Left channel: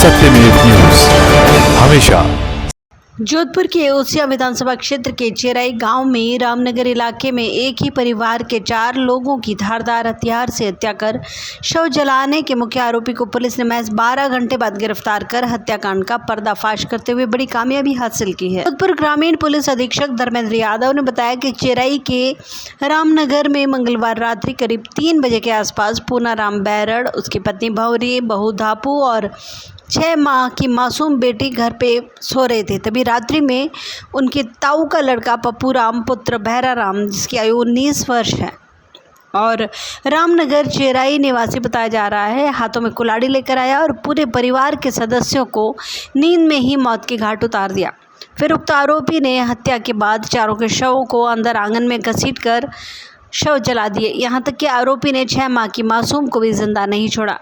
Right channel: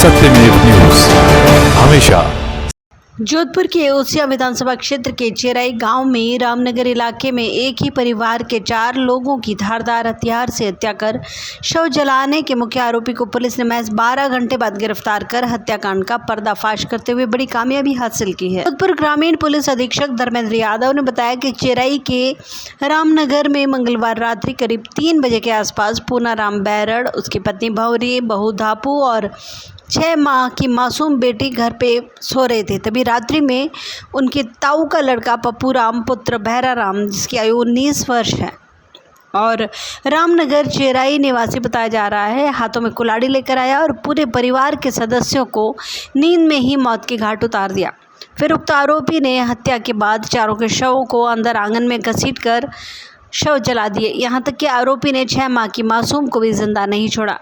सत्यमेव न्यूज हमेशा। जोधपुर के ओसिया विधानसभा क्षेत्र के चेराई गांव में रामनगर इलाके में एक ही परिवार के 4 लोगों की धारदार हथियार से हत्या कर शव जलाने के मुख्य आरोपी को पुलिस ने महज 12 घंटे बाद गिरफ्तार कर हत्याकांड का पर्दाफाश करते हुए बड़ी कामयाबी हासिल की है। जोधपुर ग्रामीण पुलिस अधीक्षक धर्मेंद्र यादव ने बताया कि चेराई के रामनगर में मंगलवार रात्रि करीब 3 बजे के आसपास पूनाराम बैरड़, उसकी पत्नी भंवरी, बहू धापू और 6 माह की मासूम बेटी घर पे सो रहे थे। तभी रात्रि में उनके ताऊ का लड़का पप्पू राम पुत्र भैरा राम, जिसकी आयु 19 वर्ष है और रामनगर चेराई निवासी बताया जा रहा है, हाथों में कुल्हाड़ी लेकर आया और पूरे परिवार के सदस्यों को नींद में ही मौत के घाट उतार दिया। फिर उक्त आरोपी ने हत्या के बाद चारों के शवों को अंदर आंगन में घसीटकर शव जला दिए। यहाँ तक कि आरोपी ने 6 माह की मासूम को भी जिंदा नहीं छोड़ा।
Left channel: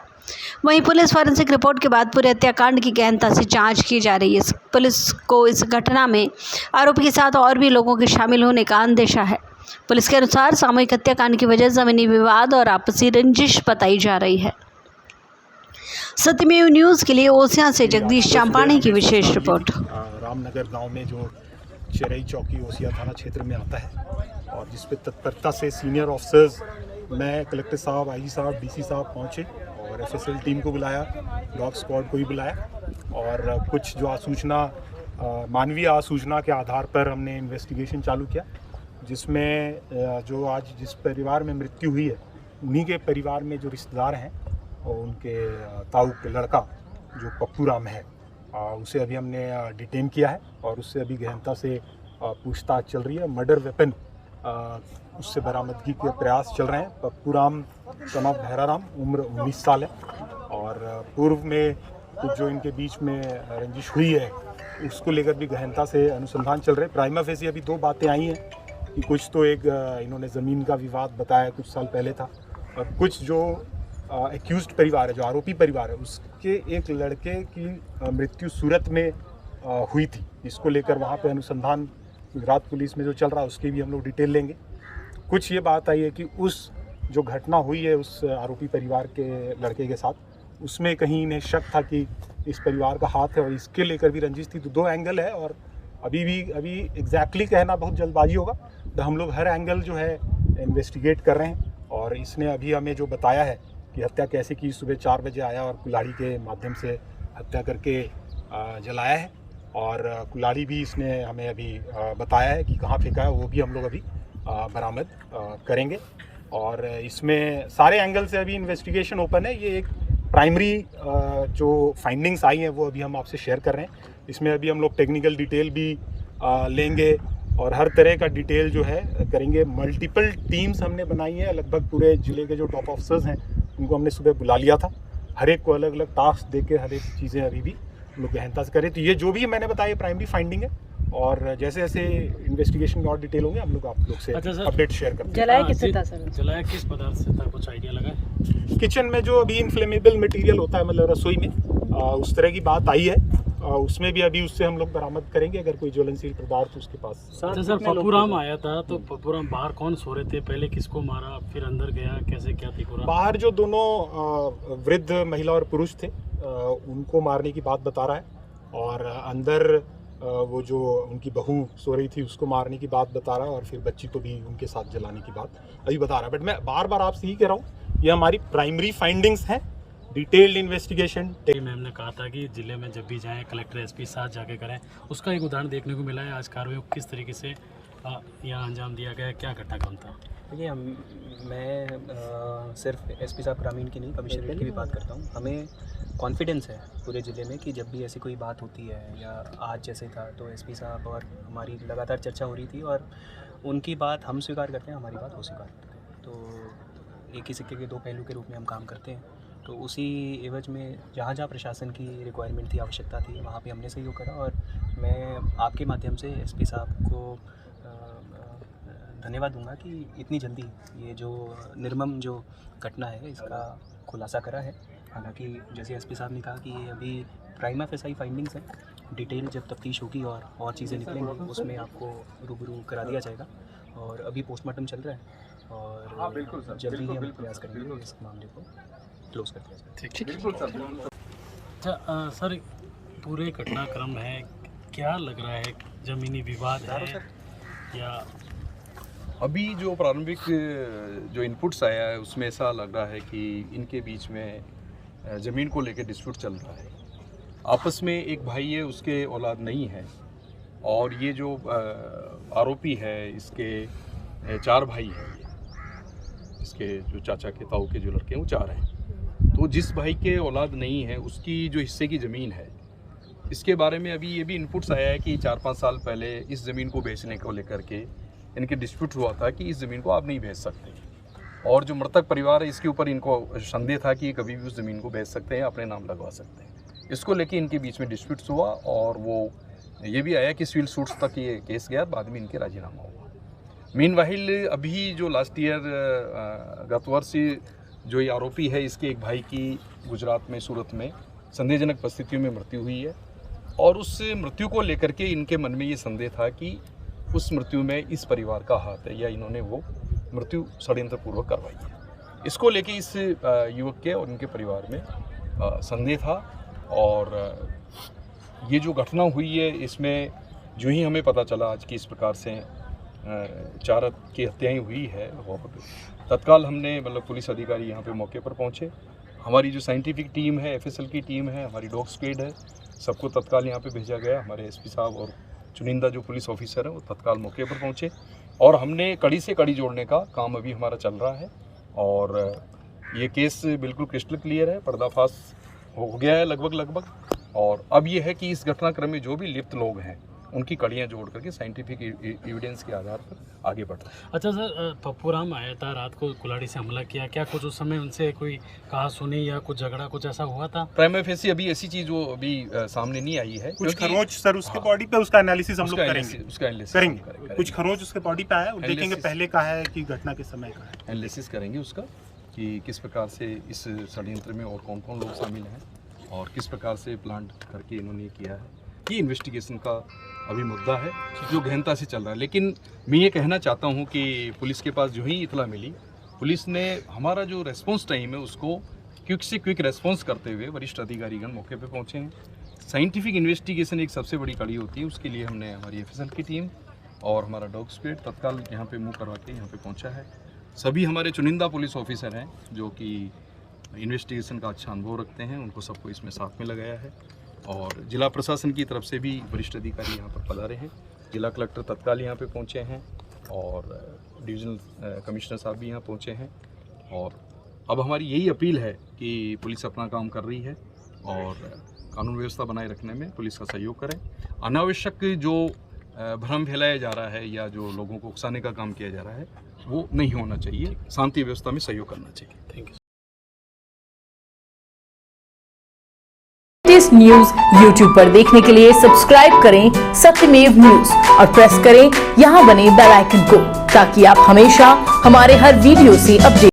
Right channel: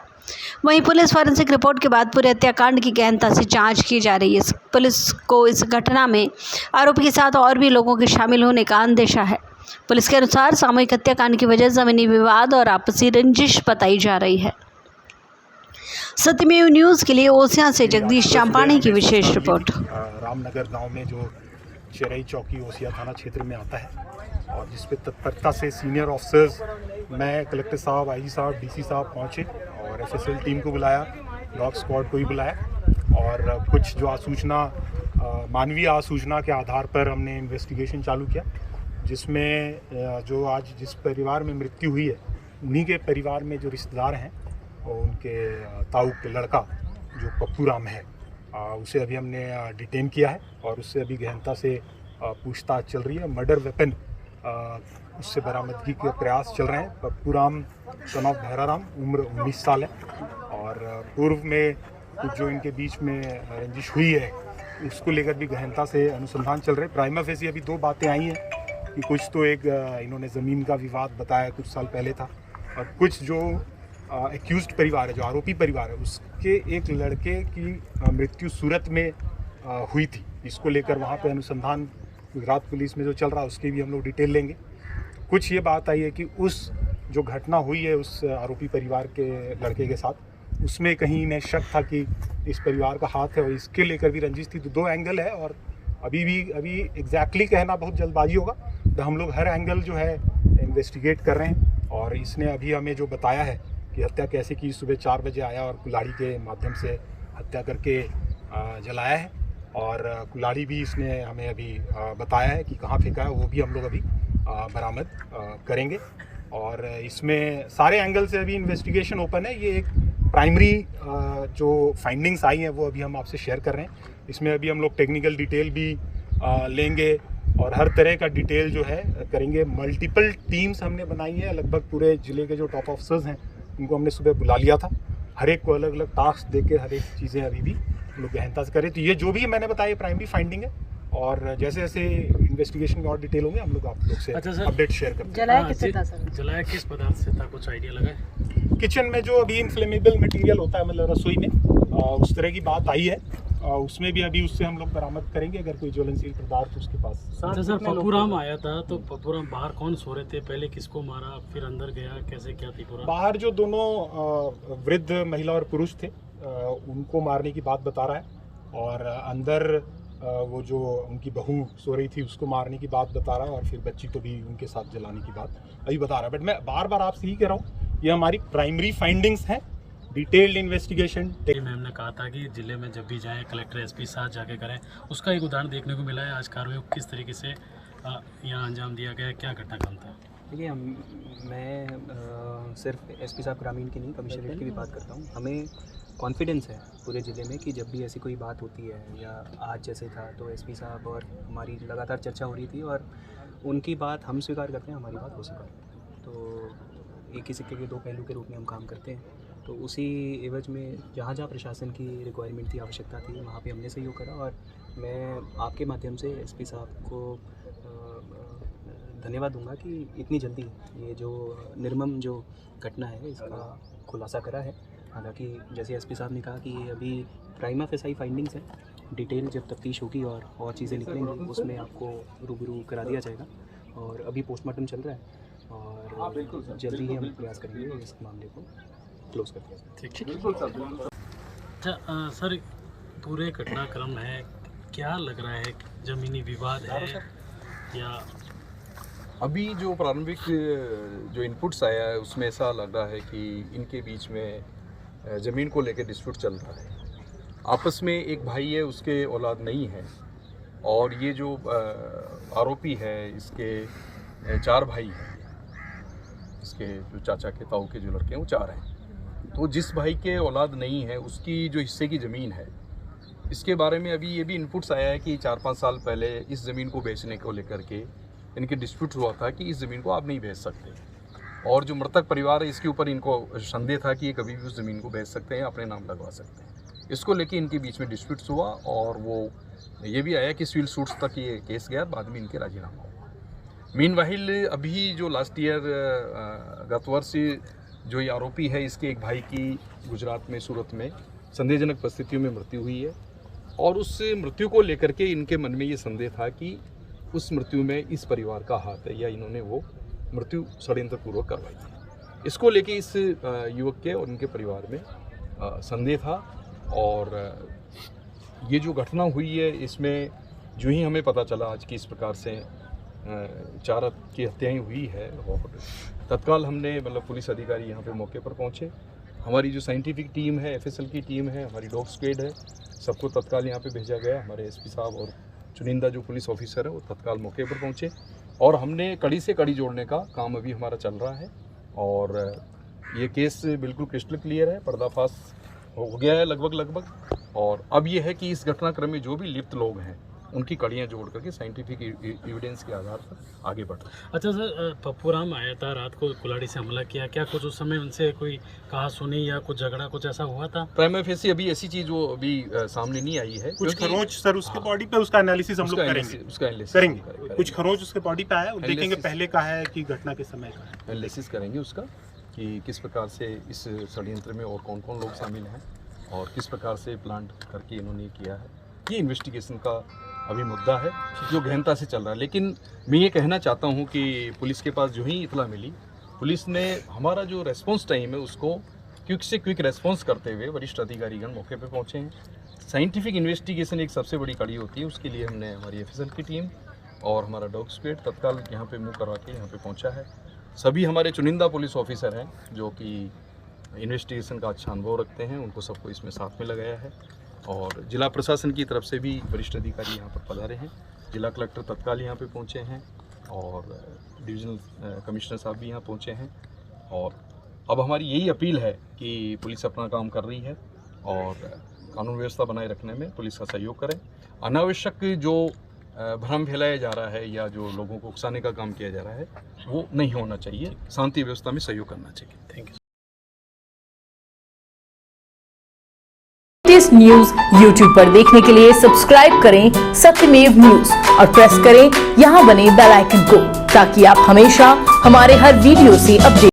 वहीं पुलिस फॉरेंसिक रिपोर्ट के बाद पूरे हत्याकांड की गहनता से जांच की जा रही है। पुलिस को इस घटना में आरोपी के साथ और भी लोगों के शामिल होने का अंदेशा है। पुलिस के अनुसार सामूहिक हत्याकांड की वजह जमीनी विवाद और आपसी रंजिश बताई जा रही है। सत्यमेव न्यूज के लिए ओसिया से जगदीश चांपानी की विशेष रिपोर्ट। रामनगर गांव में जो चेराई चौकी ओसिया थाना क्षेत्र में आता है और जिस पे तत्परता से सीनियर ऑफिसर्स, मैं, कलेक्टर साहब, आईजी साहब, डीसी साहब पहुंचे और एफएसएल टीम को बुलाया, डॉग स्क्वाड को भी बुलाया और कुछ जो आसूचना, मानवीय आसूचना के आधार पर हमने इन्वेस्टिगेशन चालू किया, जिसमें जो आज जिस परिवार में मृत्यु हुई है उन्हीं के परिवार में जो रिश्तेदार हैं और उनके ताऊ के लड़का जो पप्पू राम है, उसे अभी हमने डिटेन किया है और उससे अभी गहनता से पूछताछ चल रही है। मर्डर वेपन उससे बरामदगी के प्रयास चल रहे हैं। पप्पू राम सन ऑफ भैरा राम, उम्र 19 साल है और पूर्व में कुछ जो इनके बीच में रंजिश हुई है उसको लेकर भी गहनता से अनुसंधान चल रहे हैं। प्राइमा फेसी अभी 2 बातें आई हैं कि कुछ तो एक इन्होंने ज़मीन का विवाद बताया कुछ साल पहले था और कुछ जो एक्यूज्ड परिवार है, जो आरोपी परिवार है, उसके एक लड़के की मृत्यु सूरत में हुई थी। इसको लेकर वहाँ पे अनुसंधान गुजरात पुलिस में जो चल रहा है उसकी भी हम लोग डिटेल लेंगे। कुछ ये बात आई है कि उस जो घटना हुई है उस आरोपी परिवार के लड़के के साथ, उसमें कहीं इन्हें शक था कि इस परिवार का हाथ है और इसके लेकर भी रंजिश थी। तो 2 एंगल है और अभी एग्जैक्टली कहना बहुत जल्दबाजी होगा। तो हम लोग हर एंगल जो है इन्वेस्टिगेट कर रहे हैं और इसने अभी हमें जो बताया है कि हत्या कैसे की, सुबह 4 बजे आया और कुल्हाड़ी के माध्यम से हत्या करके जलाया है और कुल्हाड़ी भी इसने हमें अभी बताया है कि कहाँ फेंका है, वो भी हम लोग अभी बरामद करेंगे। और इसमें सारे एंगल से अभी इन्वेस्टिगेशन ओपन है। ये एक प्राइमरी जो फाइंडिंग्स आई हैं वो अभी हम आपसे शेयर कर रहे हैं। इसमें अभी हम लोग टेक्निकल डिटेल भी लेंगे और हर तरह का डिटेल जो है करेंगे। मल्टीपल टीम्स हमने बनाई हैं, लगभग पूरे ज़िले के जो टॉप ऑफिसर्स हैं उनको हमने सुबह बुला लिया था। हर एक को अलग अलग टास्क दे के हर एक चीज़ें अभी भी हम लोग गहनता से करें। तो ये जो भी मैंने बताया प्राइमरी फाइंडिंग है और जैसे जैसे इन्वेस्टिगेशन में और डिटेल होंगे हम लोग आप लोग से अपडेट शेयर करते हैं। जलाया किससे था सर? जलाया किस पदार्थ से था, कुछ आइडिया लगा है? किचन में जो अभी इन्फ्लेमेबल मटेरियल होता है, मतलब रसोई में, उस तरह की बात आई है। उसमें भी अभी उससे हम लोग बरामद करेंगे अगर कोई ज्वलनशील पदार्थ उसके पास। सर पप्पू राम आया था तो पप्पू राम बाहर कौन सो रहे थे, पहले किसको मारा, फिर अंदर गया, कैसे क्या थी पूरा? बाहर जो दोनों वृद्ध महिला और पुरुष थे उनको मारने की बात बता रहा है और अंदर वो जो उनकी बहू सो रही थी उसको मारने की बात बता रहा है और फिर बच्ची को भी उनके साथ जलाने की बात अभी बता रहा है। बट मैं बार बार आपसे ही कह रहा हूँ, ये हमारी प्राइमरी फाइंडिंग्स हैं, डिटेल्ड इन्वेस्टिगेशन। मैम ने कहा था कि जिले में जब भी जाएं कलेक्टर एसपी साथ जाके करें, उसका एक उदाहरण देखने को मिला है। आज कार्रवाई किस तरीके से यहाँ अंजाम दिया गया, क्या घटनाक्रम था? देखिए, मैं सिर्फ एसपी साहब ग्रामीण की नहीं, कमिश्नरेट की भी बात करता हूँ। हमें कॉन्फिडेंस है पूरे ज़िले में कि जब भी ऐसी कोई बात होती है या आज जैसे था तो एसपी साहब और हमारी लगातार चर्चा हो रही थी और उनकी बात हम स्वीकार करते हैं, हमारी बात वो स्वीकार करते हैं। तो एक ही सिक्के के 2 पहलू के रूप में हम काम करते हैं। तो उसी एवज में जहाँ जहाँ प्रशासन की रिक्वायरमेंट थी, आवश्यकता थी, वहाँ पे हमने सहयोग करा और मैं आपके माध्यम से एसपी साहब को धन्यवाद दूंगा कि इतनी जल्दी ये जो निर्मम जो घटना है इसका खुलासा करा है। हालांकि जैसे एसपी साहब ने कहा कि ये अभी प्राइमा फेसाई फाइंडिंग्स है, डिटेल जब तफ्तीश होगी और चीज़ें निकलेंगी उसमें आपको रूबरू करा दिया जाएगा और अभी पोस्टमार्टम चल रहा है और जल्दी ही हम प्रयास करेंगे इस मामले को क्लोज कर दिया जाए। ठीक है। अच्छा सर, पूरे घटनाक्रम है, क्या लग रहा है, जमीनी विवाद है या अभी जो प्रारंभिक जो इनपुट्स आया है उसमें ऐसा लग रहा है कि इनके बीच में ज़मीन को लेकर डिस्प्यूट चल रहा है। आपस में एक भाई है, उसके औलाद नहीं है, और ये जो आरोपी है इसके 4 भाई हैं। इसके जो चाचा के ताऊ के जो लड़के हैं वो 4 हैं। तो जिस भाई के औलाद नहीं है उसकी जो हिस्से की ज़मीन है, इसके बारे में अभी ये भी इनपुट्स आया है कि 4-5 साल पहले इस ज़मीन को बेचने को लेकर के इनके डिस्प्यूट हुआ था कि इस ज़मीन को आप नहीं बेच सकते, और जो मृतक परिवार है इसके ऊपर इनको संदेह था कि ये कभी भी उस ज़मीन को बेच सकते हैं, अपने नाम लगवा सकते हैं। इसको लेके इनके बीच में डिस्प्यूट्स हुआ, और वो ये भी आया कि सिविल सूट्स तक ये केस गया, बाद में इनके राजीनामा हुआ। मीनवाइल अभी जो लास्ट ईयर गत वर्ष जो ये आरोपी है, इसके एक भाई की गुजरात में सूरत में संदेहजनक परिस्थितियों में मृत्यु हुई है, और उस मृत्यु को लेकर के इनके मन में ये संदेह था कि उस मृत्यु में इस परिवार का हाथ है, या इन्होंने वो मृत्यु षड्यंत्रपूर्वक करवाई है। इसको लेके इस युवक के और उनके परिवार में संदेह था, और ये जो घटना हुई है इसमें जो ही हमें पता चला आज कि इस प्रकार से 4 की हत्याएं हुई है, और तत्काल हमने मतलब पुलिस अधिकारी यहाँ पे मौके पर पहुँचे। हमारी जो साइंटिफिक टीम है, FSL की टीम है, हमारी डॉग स्क्वाड है, सबको तत्काल यहाँ पे भेजा गया। हमारे SP साहब और चुनिंदा जो पुलिस ऑफिसर हैं वो तत्काल मौके पर पहुँचे, और हमने कड़ी से कड़ी जोड़ने का काम अभी हमारा चल रहा है, और ये केस बिल्कुल क्रिस्टल क्लियर है, पर्दाफाश हो गया है लगभग। और अब ये है कि इस घटनाक्रम में जो भी लिप्त लोग हैं उनकी कड़ियाँ जोड़ करके साइंटिफिक एविडेंस के आधार पर आगे बढ़ रहे हैं। अच्छा सर, पप्पूराम आया था रात को, कुल्हाड़ी से हमला किया, क्या कुछ उस समय उनसे कोई कहा सुनी या कुछ झगड़ा कुछ ऐसा हुआ था? प्राइमा फेसी अभी ऐसी चीज़ वो अभी सामने नहीं आई है। कुछ खरोंच सर उसके बॉडी पे, उसका एनालिसिस हम लोग करेंगे। कुछ खरोंच उसके बॉडी पे आया, देखेंगे पहले का है कि घटना के समय का है। एनालिसिस करेंगे उसका कि किस प्रकार से इस षड्यंत्र में और कौन कौन लोग शामिल हैं, और किस प्रकार से प्लान करके इन्होंने किया है। ये इन्वेस्टिगेशन का अभी मुद्दा है जो गहनता से चल रहा है। लेकिन मैं ये कहना चाहता हूँ कि पुलिस के पास जो ही इतला मिली, पुलिस ने हमारा जो रेस्पॉन्स टाइम है उसको क्विक से क्विक रेस्पॉन्स करते हुए वरिष्ठ अधिकारीगण मौके पे पहुँचे हैं। साइंटिफिक इन्वेस्टिगेशन एक सबसे बड़ी कड़ी होती है, उसके लिए हमने हमारी FSL की टीम और हमारा डॉग स्क्वाड तत्काल यहाँ पे मुँह करवा के यहाँ पे पहुँचा है। सभी हमारे चुनिंदा पुलिस ऑफिसर हैं जो कि इन्वेस्टिगेशन का अच्छा अनुभव रखते हैं, उनको सबको इसमें साथ में लगाया है, और जिला प्रशासन की तरफ से भी वरिष्ठ अधिकारी यहाँ पर पधारे हैं। जिला कलेक्टर तत्काल यहाँ पे पहुँचे हैं, और डिविजनल कमिश्नर साहब भी यहाँ पहुँचे हैं, और अब हमारी यही अपील है कि पुलिस अपना काम कर रही है, और कानून व्यवस्था बनाए रखने में पुलिस का सहयोग करें। अनावश्यक जो भ्रम फैलाया जा रहा है या जो लोगों को उकसाने का काम किया जा रहा है वो नहीं होना चाहिए, शांति व्यवस्था में सहयोग करना चाहिए। Thank you. Latest news YouTube पर देखने के लिए सब्सक्राइब करें सत्यमेव न्यूज और प्रेस करें यहां बने बेल आइकन को, ताकि आप हमेशा हमारे हर वीडियो से अपडेट